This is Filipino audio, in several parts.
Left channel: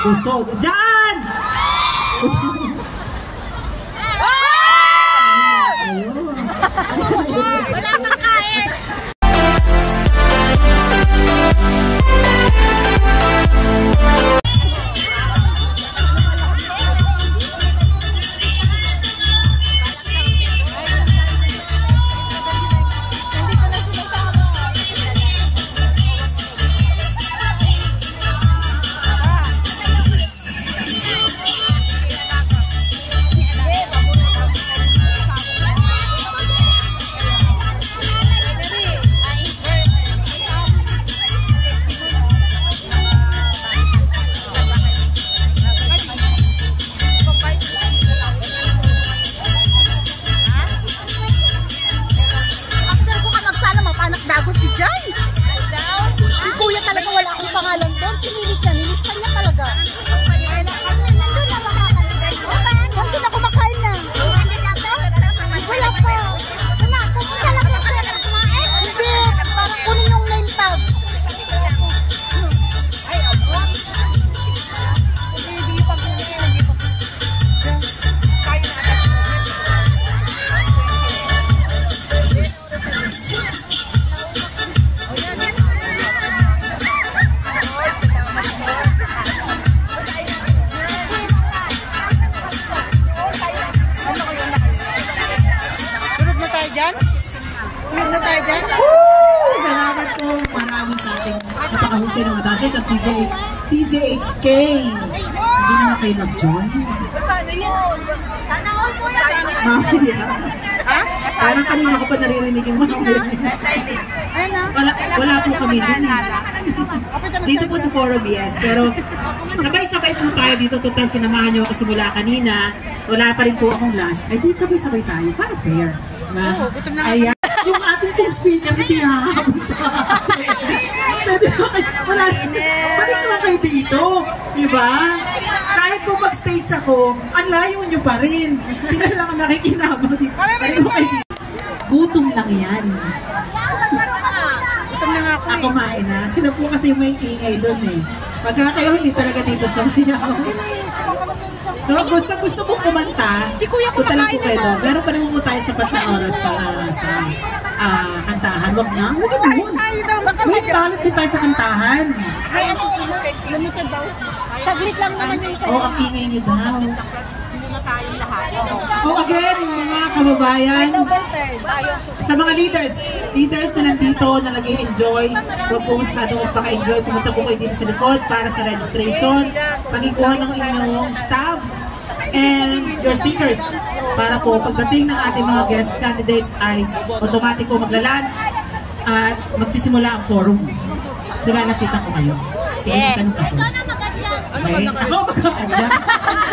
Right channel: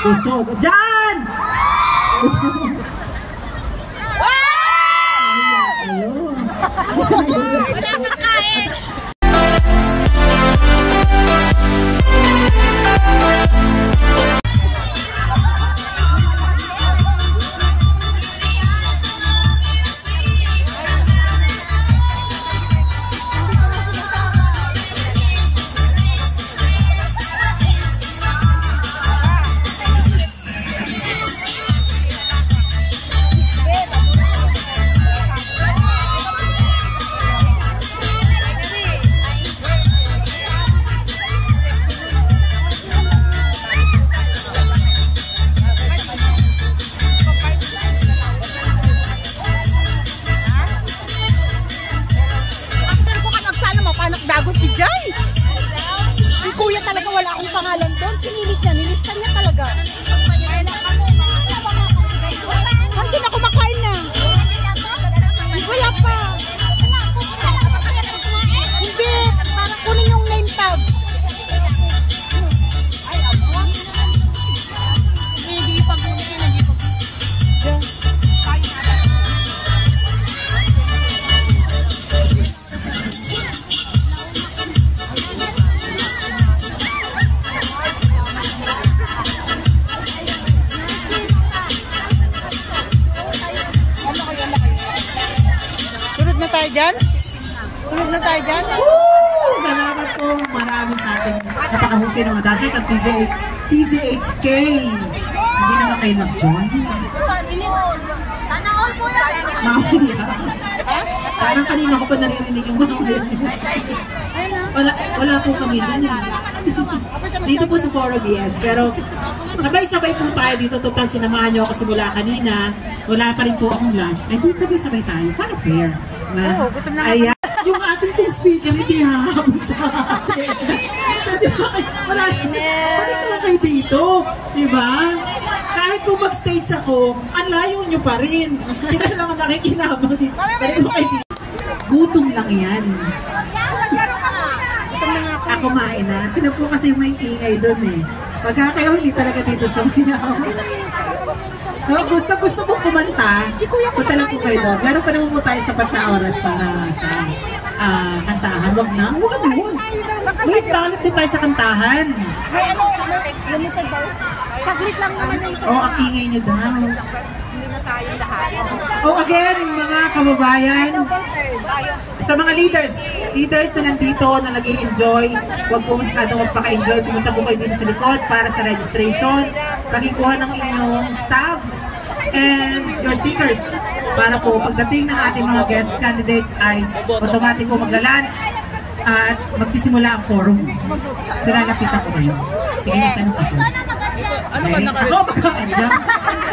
Busog. Diyan! Ayun. Wala kang kain! TZHK. Hindi naman kayo mag-join. Sana all po tayo. Parang kanina ko pa naririnig yung mga wala po kami dito po sa forum, yes. Pero sabay-sabay po tayo dito. Total, sinamahan nyo ako simula kanina. Wala pa rin po akong lunch. Ay, dito sabay-sabay tayo. Para fair. Ayan. Yung ating pong speaker, hindi hahabol sa atin. Balik na kayo dito. Diba? Kahit po mag-stage ako, ang layo nyo pa rin. Sila lang ang nakikinabang dito. Gutom lang yan. Ako kumain na. Sila po kasi may ingay doon eh. Pagka kayo hindi talaga dito sa mayaw. Gusto mong kumanta, si Kuya kumakain na. Meron pa naman po tayo sa oras para sa kantahan. Huwag na. Huwag naman. Wait, palit din tayo sa kantahan. Ay, ano? Lumutan ba? Saglit lang naman na ito. Oo, ang ingay niyo daw. Hindi na tayong lahat. Again, mga kababayan, sa mga leaders na nandito na nag-i-enjoy, huwag po masyadong magpaka-enjoy. Pumunta po kayo dito sa likod para sa registration, pagikuha ng inyong stamps and your stickers para po pagdating ng ating mga guest candidates ay automatic po magla-lunch at magsisimula ang forum. So lalapitan ko kayo. Sige, tanong ako. Ako mag-adjust.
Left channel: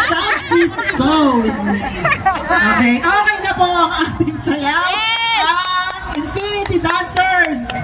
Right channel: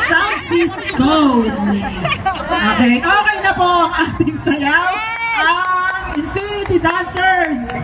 Sound Cisco. Okay na po ang ating sayaw. Infinity Dancers!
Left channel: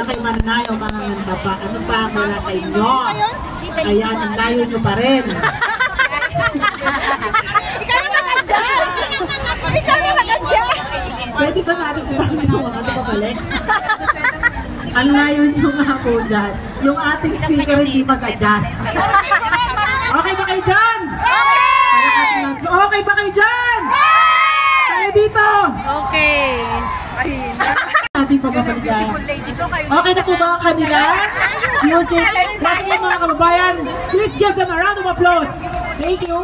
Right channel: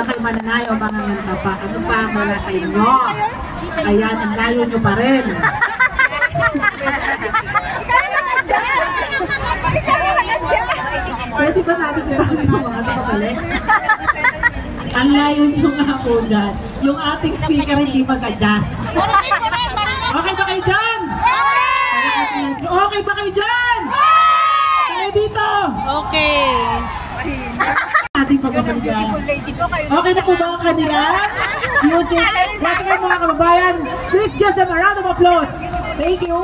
Mananayo mga nagpapakano pa mula sa inyo. Kaya ang layo nyo pa rin. Pwede ba natin ipakita sa mga kabalik? Ang layo nyo nga po dyan. Yung ating speaker hindi mag-adjust. Okay ba kayo dyan? Okay ba kayo dyan? Kayo dito? Okay. Okay na po ba ang kanila? Music. Last nga mga kababayan, please give them a round of applause. Thank you.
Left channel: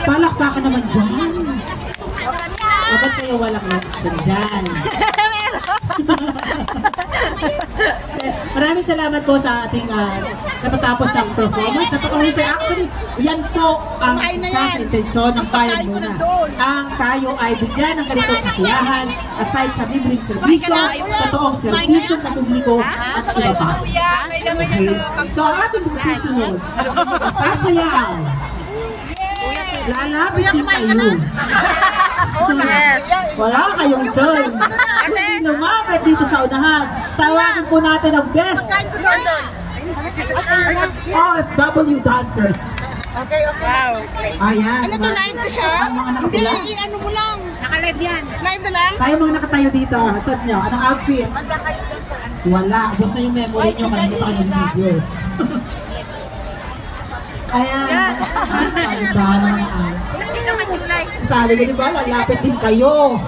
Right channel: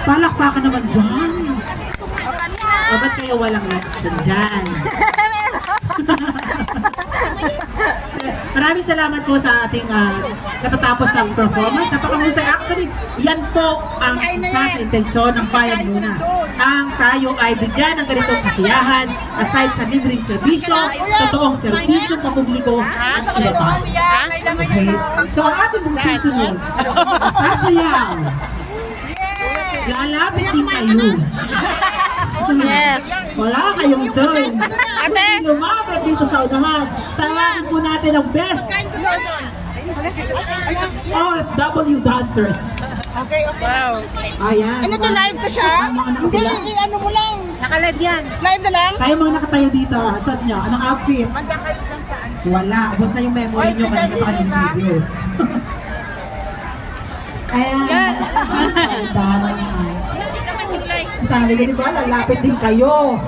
Palakpakan naman dyan. Bakit kayo walang reaction dyan? Maraming salamat po sa ating katatapos ng performance. Napakahusay. Actually, yan po ang isa sa intensyon ng Bayan Luna. Ang tayo ay bigyan ng ganitong kasiyahan aside sa libreng serbisyo, totoong serbisyo sa publiko at iba pa. Okay. So, ang ating susunod, sasayaw. Lalapit din kayo. Wala kayong join. Lumapit dito sa unahan. Tawagin po natin ang best OFW dancers. Okay, okay. Ayan. Ano to, live na siya? Hindi, ano mo lang. Naka-live yan. Live na lang? Tayo mga nakatayo dito. Suot nyo. Anong outfit? Magkakalit lang saan? Wala. Ubus na yung memory nyo kanina pa kayong video. Ayan. Palibahan nyo. Sabi din ba, lalapit din kayo.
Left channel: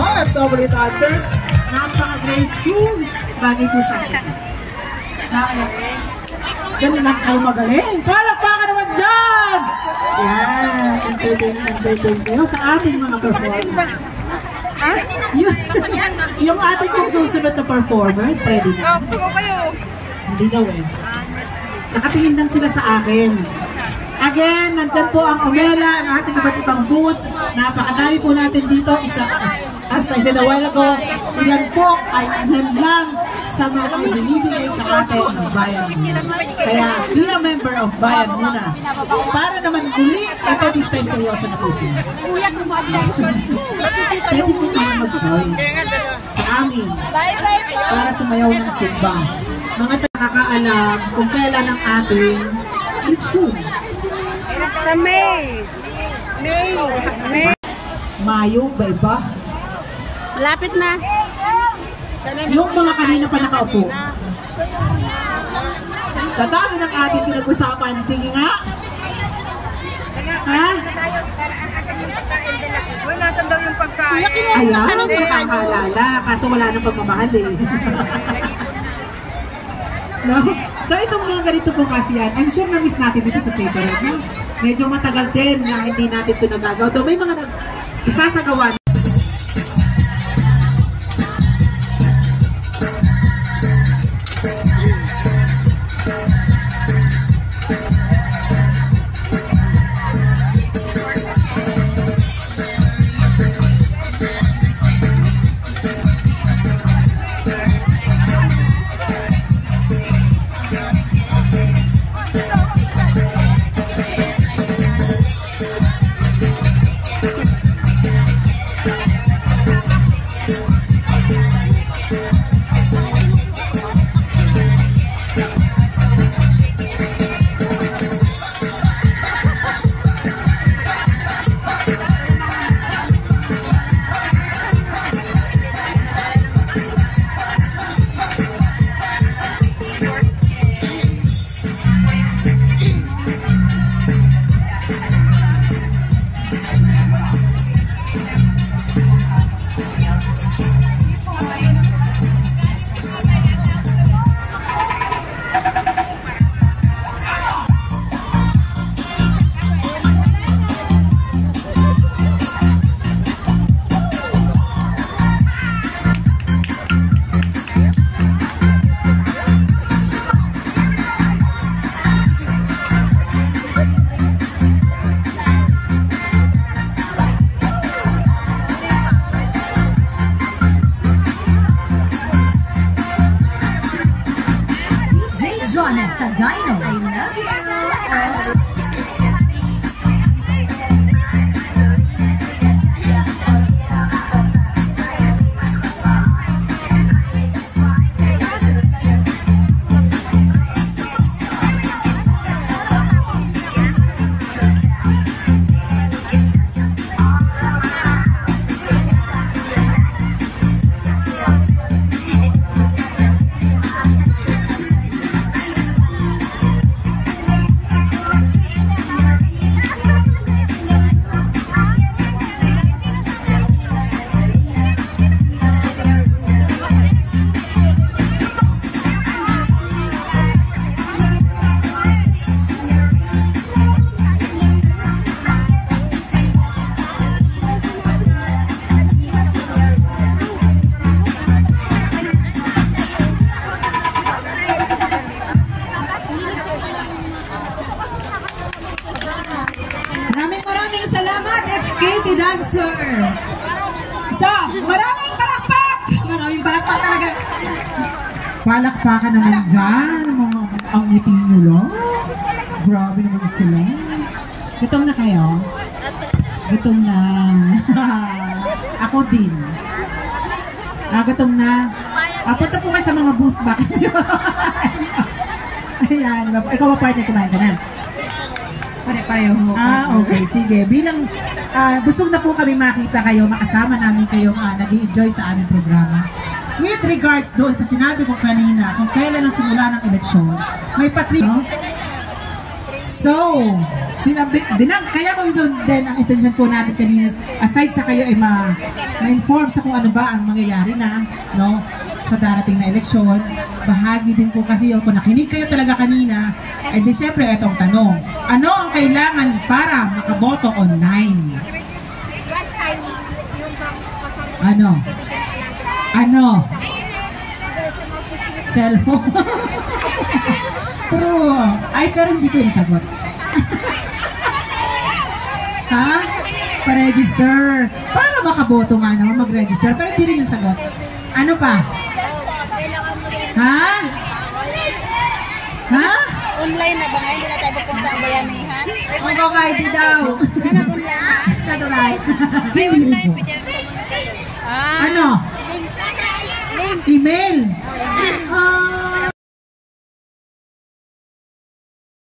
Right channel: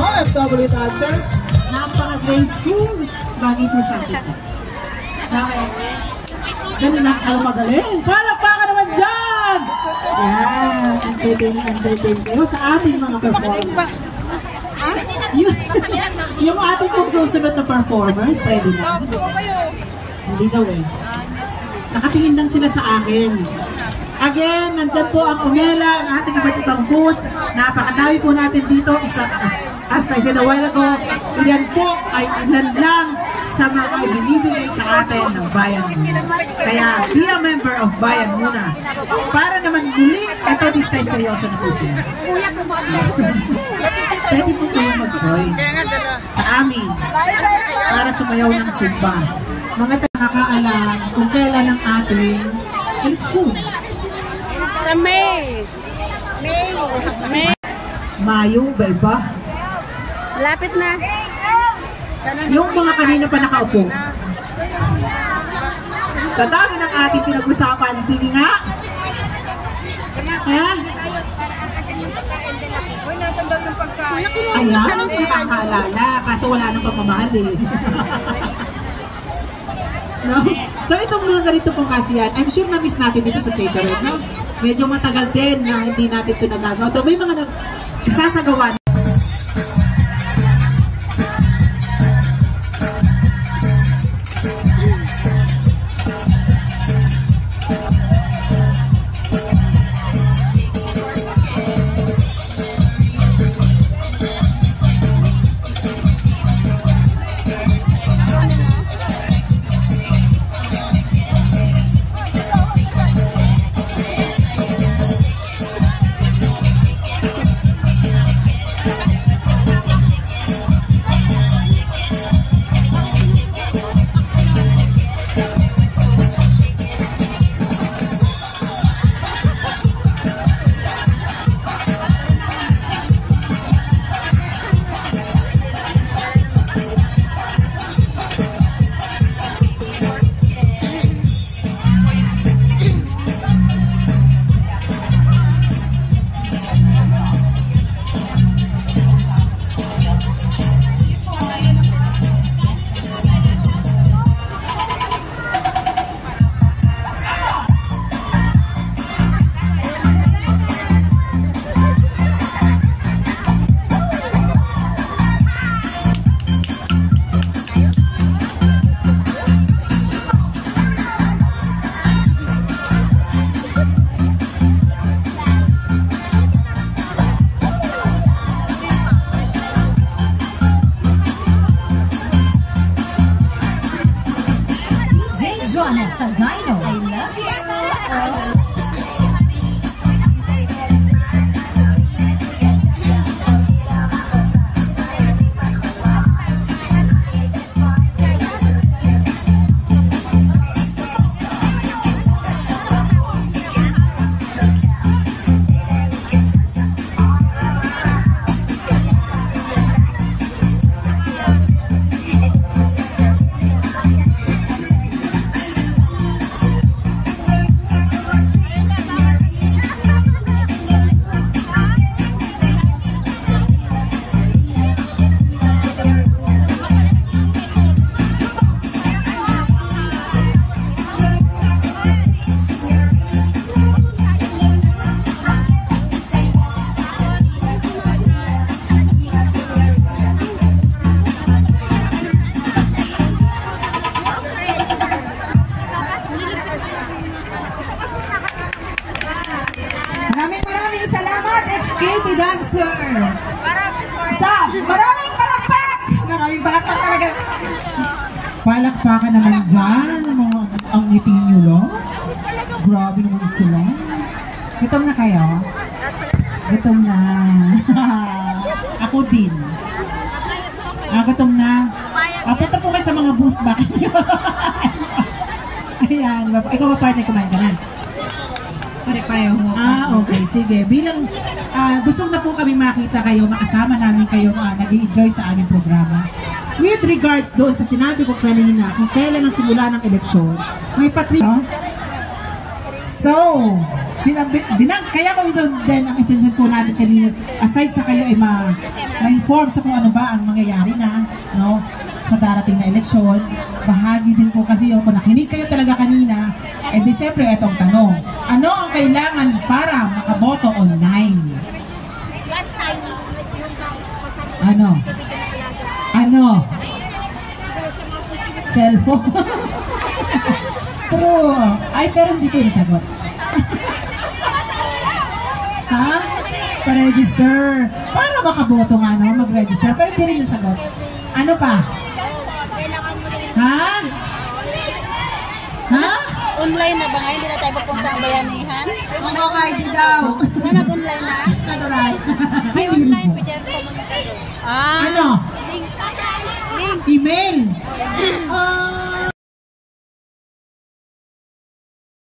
OFW dancers, napaka-graceful. Bagay po sa akin. Ganun lang kayo magaling. Palakpakan naman dyan! Yan. Entertain kayo sa ating mga performers. Yung ating susunod na performers, ready? Hindi daw eh. Nakatingin lang sila sa akin. Again, nandyan po ang umela, ang ating iba't ibang booths. Napakadami po natin dito. As I said a while ago, yan po ay ilan lang sa mga binibigay sa atin ng Bayan Luna. Kaya, be a member of Bayan Luna. Para naman muli, ito this time seryoso na po siya. Pwede po kayo mag-join sa amin para sumayaw ng sumba. Mga nakakaalam kung kailan ang ating eleksyon. Sa May. Mayo, ba iba? Lapit na. Yung mga kanina pa nakaupo. Sa dami ng ating pinag-usapan, sige nga. Ha? Nasaan daw yung pagkain? Ayan, nakakaalala. Kaso wala nang pagmamahal eh. No? So itong mga ganito pong kasiyan, I'm sure na-miss natin dito sa theater. No? Medyo matagal din na hindi natin ito nagagawa. So may mga nagsasagawa. Donna Sagayno. I love you so much. Maraming salamat, HKT Dancer. Maraming palakpak. Maraming palakpak talaga. Palakpakan naman dyan. Ang ngiti nyo lang. Grabe naman sila. Gutom na kayo? Gutom na. Ako din. Gutom na. Punta po kayo sa mga booth back. Ayan. Ikaw ba partner, kumain ka na? Pare-pareho. Okay. Sige. Bilang busog na po kami makita kayo, makasama namin kayong nag-i-enjoy sa aming programa. With regards doon sa sinabi ko kanina, kung kailan ang simula ng eleksyon, may So, kaya ko ito din ang intention po natin kanina, aside sa kayo ay ma-inform sa kung ano ba ang mangyayari na, no, sa darating na eleksyon, bahagi din po kasi yung kung nakinig kayo talaga kanina, di syempre itong tanong, ano ang kailangan para makaboto online? Ano? Cellphone? True. Ay, pero hindi ko nasagot. Ha? Pa-register. Para makaboto nga naman, mag-register. Pero hindi rin nasagot. Ano pa? Ha? Online na ba ngayon? Hindi na tayo magpunta ang bayanihan? Mag-ID daw. Nag-online na? Alright. May online pa dyan. Ano? Link. Email.